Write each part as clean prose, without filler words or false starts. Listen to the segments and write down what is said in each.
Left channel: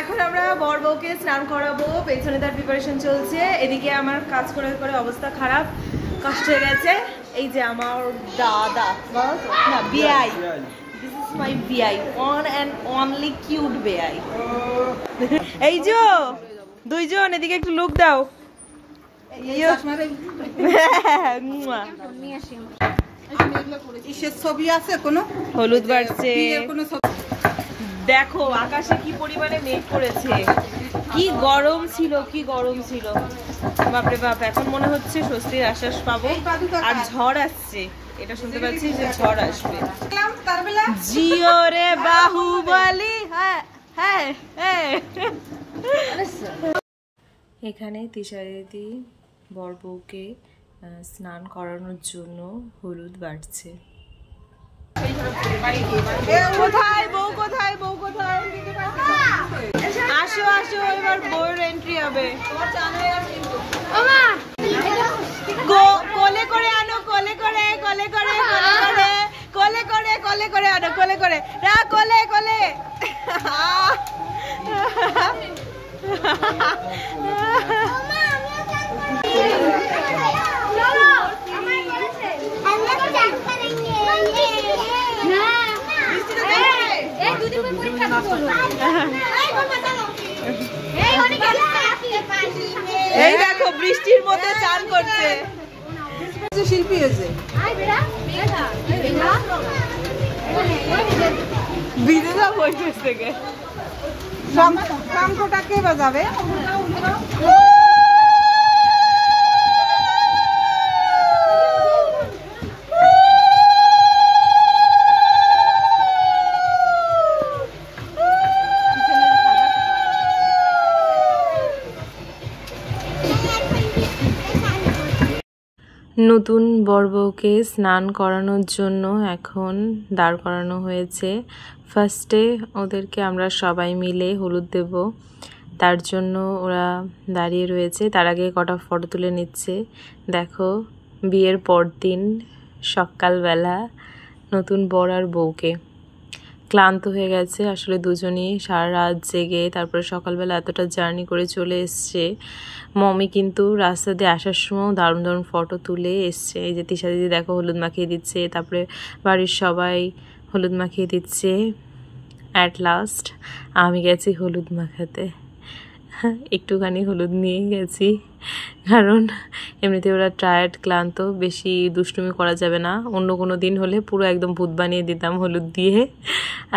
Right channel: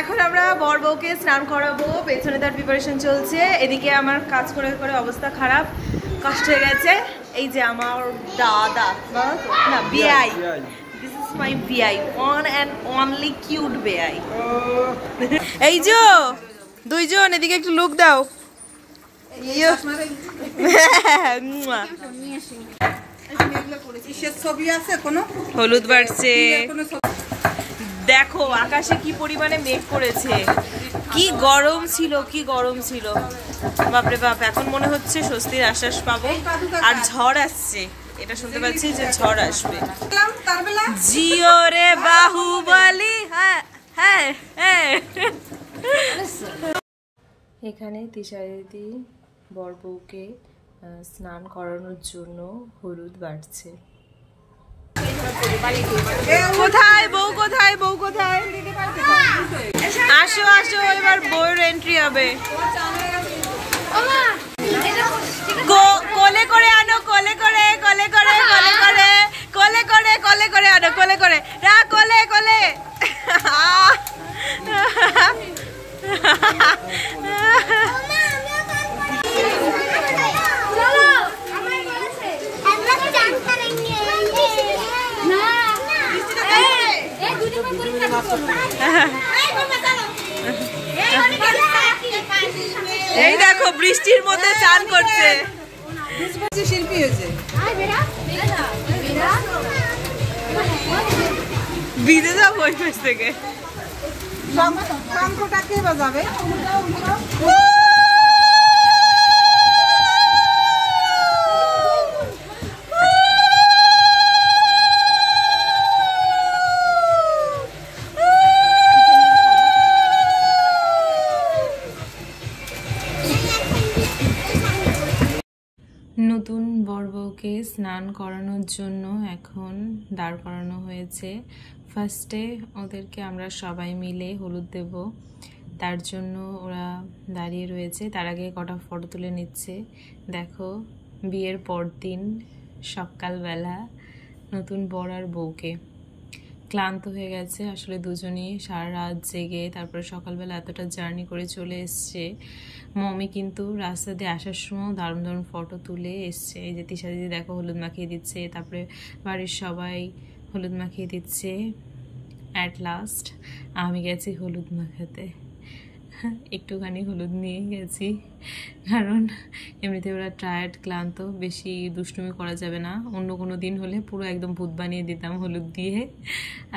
এখন আমরা বর বউকে স্নান করাবো, পেছনে তার প্রিপারেশন চলছে, এদিকে আমার কাজ করে করে অবস্থা খারাপ, কষ্ট হয়ে গেছে। এই যে আমার দাদা না বিআই, দিস ইজ মাই বিআই, ওয়ান অ্যান্ড অনলি কিউট বিআই। এই যে দুইজন এদিকে একটু লুক দাও। হলুদ বাড়ছে, দেখো আকাশে কি পরিমাণে মেঘ করেছে, কি গরম ছিল, কি গরম ছিল, বাপরে বাপ। এখন মনে হচ্ছে স্বস্তির আশ্বাস পাবো, আর ঝড় আসছে, এটা শুনতে পাচ্ছি যে ঝড় আসবে। জিও রে বাহুবলি, হ্যাঁ হ্যাঁ হ্যাঁ। এখানে তিশারিদি বর বউকে স্নান করানোর জন্য হলুদ বাড়ছে। কোথায় বউ, কোথায় বউ, কোথায়? আসো আসো, এবার বউয়ের এন্ট্রি হবে। কোলে করে আনো, কোলে করে, কোলে করে, কোলে করে, কোলে করে, কোলে করে আনো, কোলে করে, রা কোলে কোলে। এই দেখো বৃষ্টির মধ্যে চান করছে, শিল্পী হয়েছে, ভিজে যাবো ওই ফেস থেকে। শঙ্খটা কে বাজাবে? নতুন বর বউকে স্নান করানোর জন্য এখন দাঁড় করানো হয়েছে। ফার্স্টে ওদেরকে আমরা সবাই মিলে হলুদ দেব, তার জন্য ওরা দাঁড়িয়ে রয়েছে। তার আগে কটা ফটো তুলে নিচ্ছে। দেখো বিয়ের পর দিন সকালবেলা নতুন বর আর বউকে, ক্লান্ত হয়ে গেছে আসলে দুজনই, সারা রাত জেগে তারপরে সকালবেলা এতটা জার্নি করে চলে এসছে। মমি কিন্তু রাস্তা দিয়ে আসার সময় দারুণ দারুণ ফটো তুলে এসছে। এই যে তিশা দিদি দেখো হলুদ মাখিয়ে দিচ্ছে, তারপরে বাড়ির সবাই হলুদ মাখিয়ে দিচ্ছে। অ্যাট লাস্ট আমি গেছি হলুদ মাখাতে, একটুখানি হলুদ নিয়ে গেছি, কারণ এমনিতে ওরা টায়ার্ড ক্লান্ত, বেশি দুষ্টুমি করা যাবে না। অন্য কোনো দিন হলে পুরো একদম ভূত বানিয়ে দিতাম হলুদ দিয়ে,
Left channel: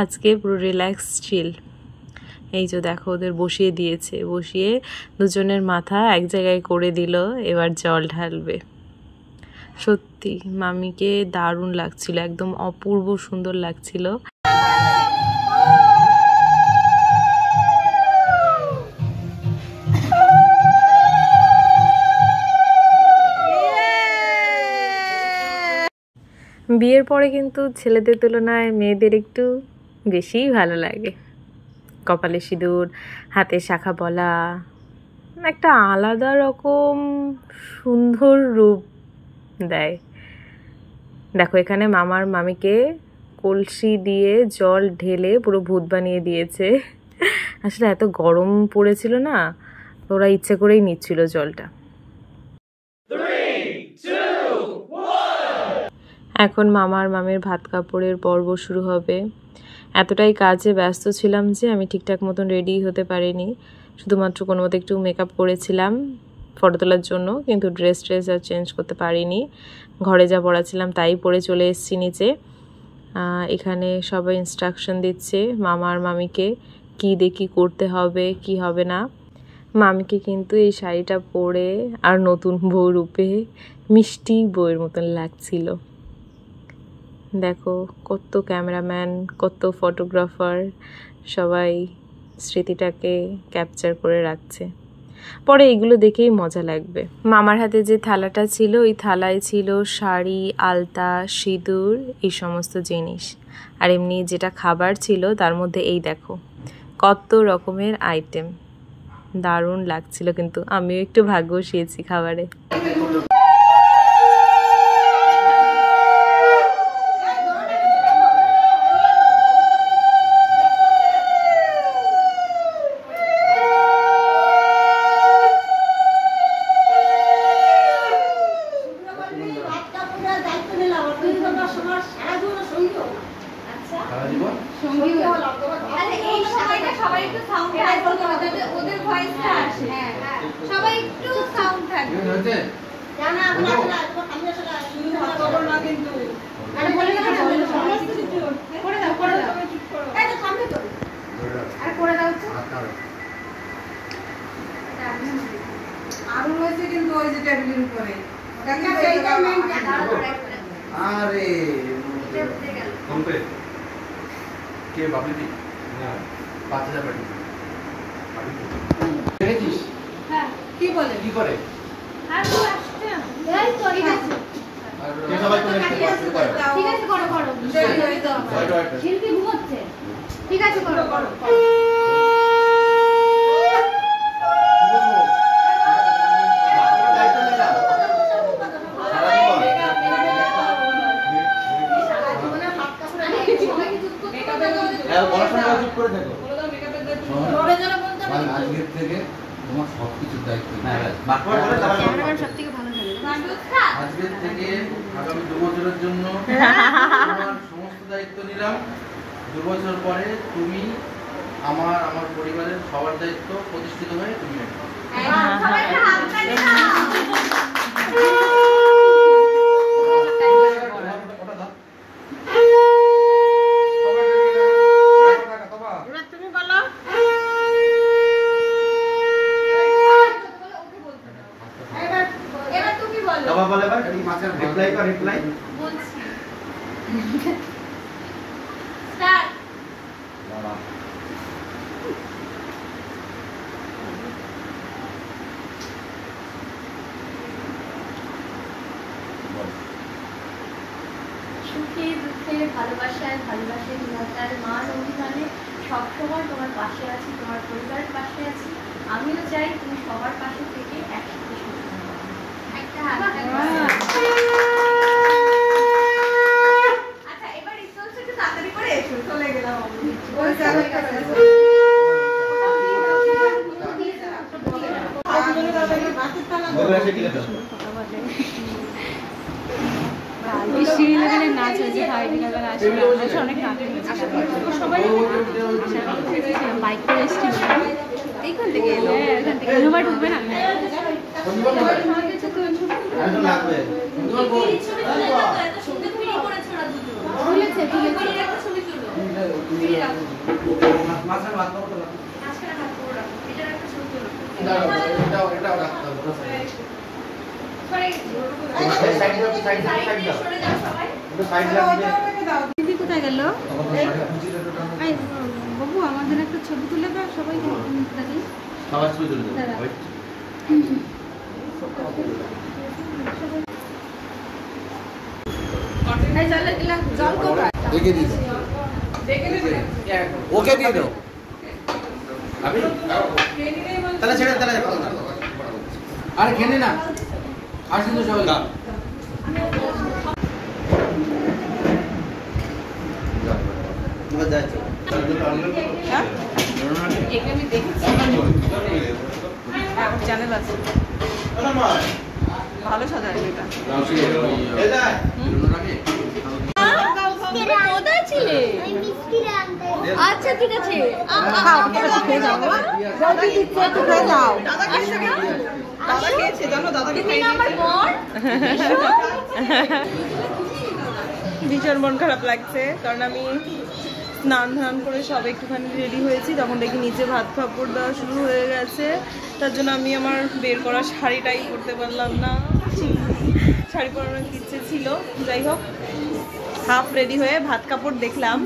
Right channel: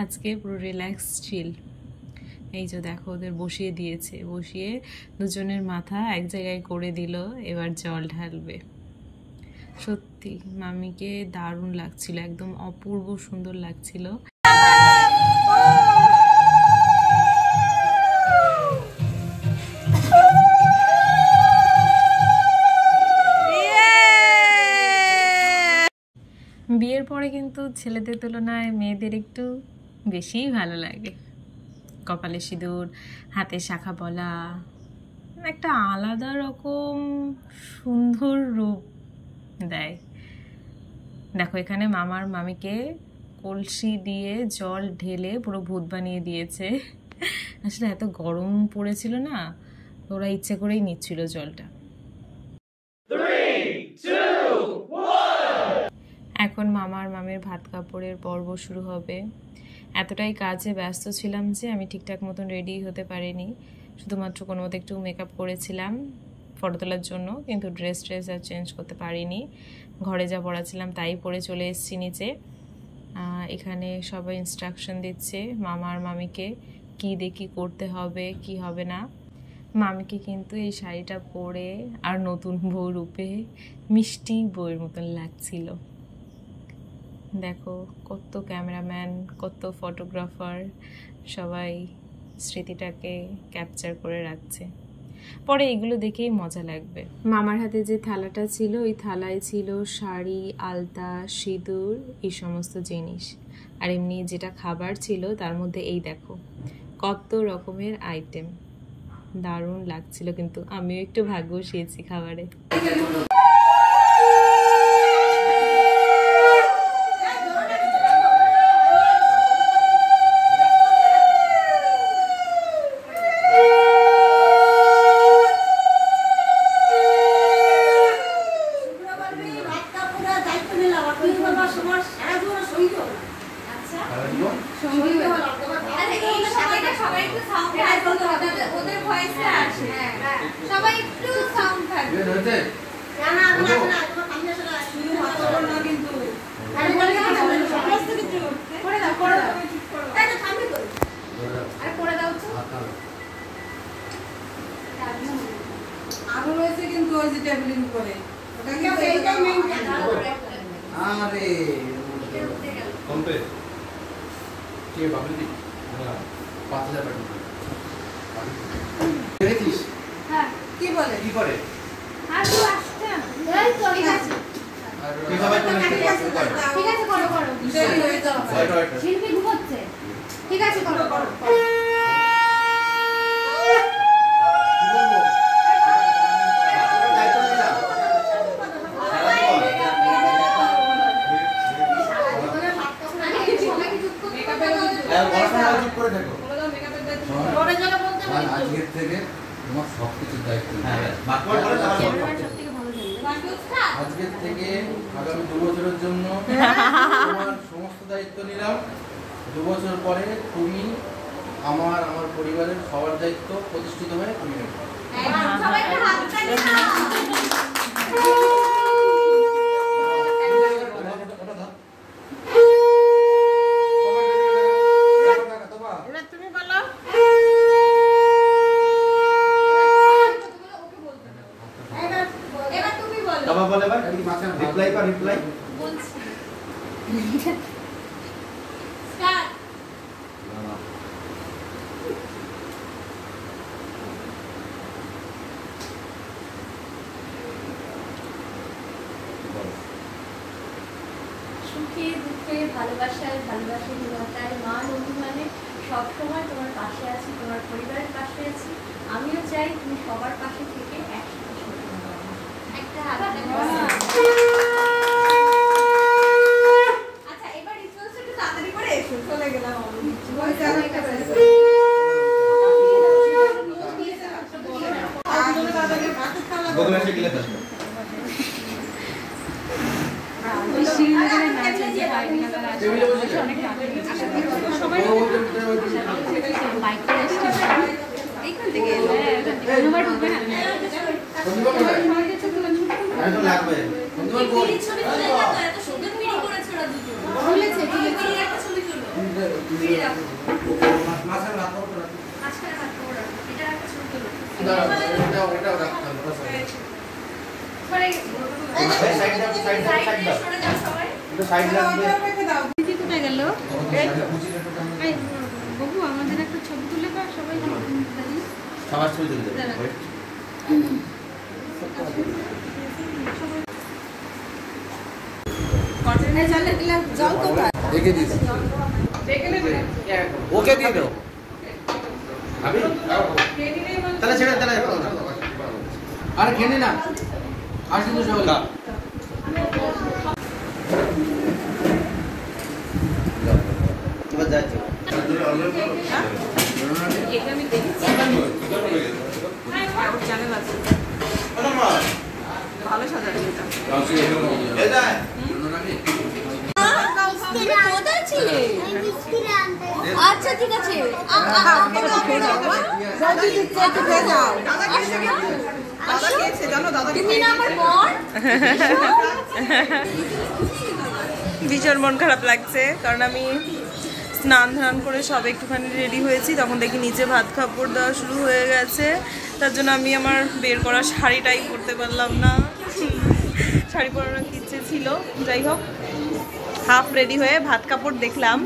আজকে পুরো রিল্যাক্স চিল। এই যে দেখো ওদের বসিয়ে দিয়েছে, বসিয়ে দুজনের মাথা এক জায়গায় করে দিল, এবার জল ঢালবে। সত্যি মামিকে দারুণ লাগছিল, একদম অপূর্ব সুন্দর লাগছিল। বিয়ের পরে কিন্তু ছেলেদের তুলনায় মেয়েদের একটু বেশিই ভালো লাগে। কপালে সিঁদুর, হাতে শাখা পলা, একটা আলাদা রকম সুন্দর রূপ দেয়। দেখো এখানে মামার মামিকে কলসি দিয়ে জল ঢেলে পুরো ভূত বানিয়ে দিয়েছে। আসলে এত গরম পড়েছিল না, ওরা ইচ্ছে করেই নিচ্ছিল জলটা। এখন মামার মামের ভাত কাপড়ের পর্ব শুরু হবে। এতটাই কাজে ব্যস্ত ছিলাম যে আমি ঠিকঠাক মতন রেডি হতে পারিনি, শুধুমাত্র কোনো মতো একটু মেকআপ করেছিলাম ফটো তোলার জন্য, কিন্তু ড্রেস আর চেঞ্জ করতে পারিনি। ঘরে যা পড়াছিলাম তাই পরে চলে এসেছি নিচে। এখানে সবাই ইনস্ট্রাকশন দিচ্ছে মামার মামিকে, কি দেখি করতে হবে কি হবে না। মামিকে কিন্তু এই শাড়িটা পরে আর নতুন বউ রূপে মিষ্টি বউয়ের মতন লাগছিল। দেখো কত ক্যামেরাম্যান, কত ফটোগ্রাফার, সবাই স্মৃতিটাকে ক্যাপচার করে রাখছে। পরে এগুলো দেখেই মজা লাগবে। মামার হাতে যে থালাটা ছিল, ওই থালায় ছিল শাড়ি, আলতা, সিঁদুর, এই সমস্ত জিনিস। আর এমনি যেটা খাবার ছিল তার মধ্যে এই দেখো কত রকমের আইটেম, দারুণ লাগছিল। কিন্তু আমিও একটু ভাগ্য বসিয়েছি খাবারে। এই সময়টা সবাই একটু সাউন্ড থাকবে, ওদের ভয়েসটা আসে। সবাই একটু সাউন্ড থাকবে। না না না তোমার সামনে আসলে শুরু করব না কিন্তু। আরে বলে দাও না, সমস্ত কিছু করে দাও তুমি ঠিক করো। এই তো থামবি তো। আরে করে দাও তো। আগুন হয়েছে কিন্তু ওই যে টেবিলের উপরে। ওটা কি এইটা মেইন আরে কমপে কে বাবলি না 5000 টাকা দেখেছিস হ্যাঁ কি বলে কি করে আর তো আসছে এই তো ঠিক আছে কি সবাই করে ঠিক আছে করো করো দেরি হয়ে যাবে শিল্পী ঘুমোচ্ছে ঠিক আছে করো করো আজকের থেকে তোমার সবকিছুর দায়িত্ব আজকের থেকে আগামী 2 বছরের জন্য তোমার সমস্ত দায়িত্ব নিলাম। 2 বছর পরে তুমি আমার পরিবারের সবার দায়িত্ব প্রতিষ্ঠিত হয়ে তুমি নেবে। তুমি বলো এবার তুমি বলো বাবা বলে ভাই এই মাছের রিপ্লাই বলছি স্টার্ট সুখে দুঃখে ভালোবাসায় নিরাপত্তার মান অভিমানে সবসময় তোমার পাশে আছি, তোমার পরিবারের পাশে আছি। আমিও চাই তুমি সবার পাশে থেকে একসাথে সন্তান করো। একটা আচ্ছা এবার রিসোর্স একটু তাড়াতাড়ি করে এসো, চলে গেলাম ওই জায়গাটা শ্রীনগরের নাচ আছে, ভাইনগর আছে, অনেক নাচ বাইক করে এসেছি এইখান থেকে অনুবার ঢুকবে না দিদি কোথায় গেল? বাবু আমাদের একটা ছবি তুলে দাও সবাই ওকে দিয়ে দাও তাহলে ছেড়ে তাহলে আরে খেলে না আর কিন্তু সবাই যাচ্ছে আমি দেখছি চ্যানেল আছে ভালো সাজায় এটা কোথায় ছিলে? আচ্ছা ঠিক আছে ভীষণ মন খারাপ লাগছে কারণ আমি স্নান করে সব একটুখানি রেডি হয়েছি, তখন দেখি নিচে ভাত কাপড় দেওয়া শুরু হয়ে গেছে। তার জন্য আমি আমার বের করা শাড়িটাই পরতে পারলাম না, শাড়ি পরানোর ইচ্ছে ছিল। যাই হোক হাফ রেডি হয়ে ভাত কাপড় দেখলাম,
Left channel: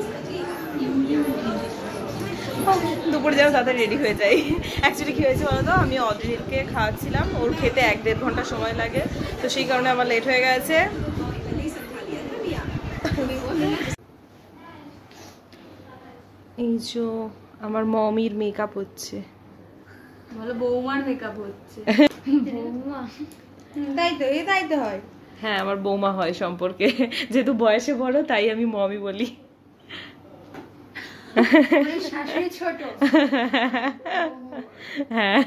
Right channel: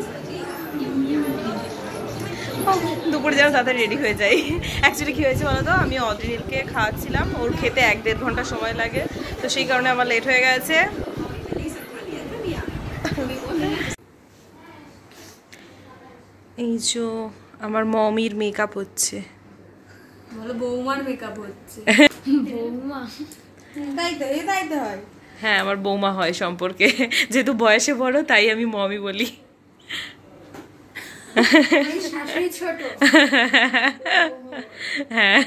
দুপুরে যেন তাড়াতাড়ি রেডি হয়ে যাই। অ্যাকচুয়ালি কী হয়েছে বলো তো, আমি অদ্রিলকে খাওয়াচ্ছিলাম, ওর খেতে 1-1.5 ঘন্টা সময় লাগে, তো সেই কারণে আমার লেট হয়ে গেছে। এই যে আমার মমির মেকআপ হচ্ছে, বলো বৌমার মেকআপ হচ্ছে। বৌমা তাই তো হয়। হ্যাঁ আমার বৌমা হয় সম্পর্কে, যেহেতু বয়সে বড় তাই আমি মমি বলি। শাশুড়ি ছোট। হ্যাঁ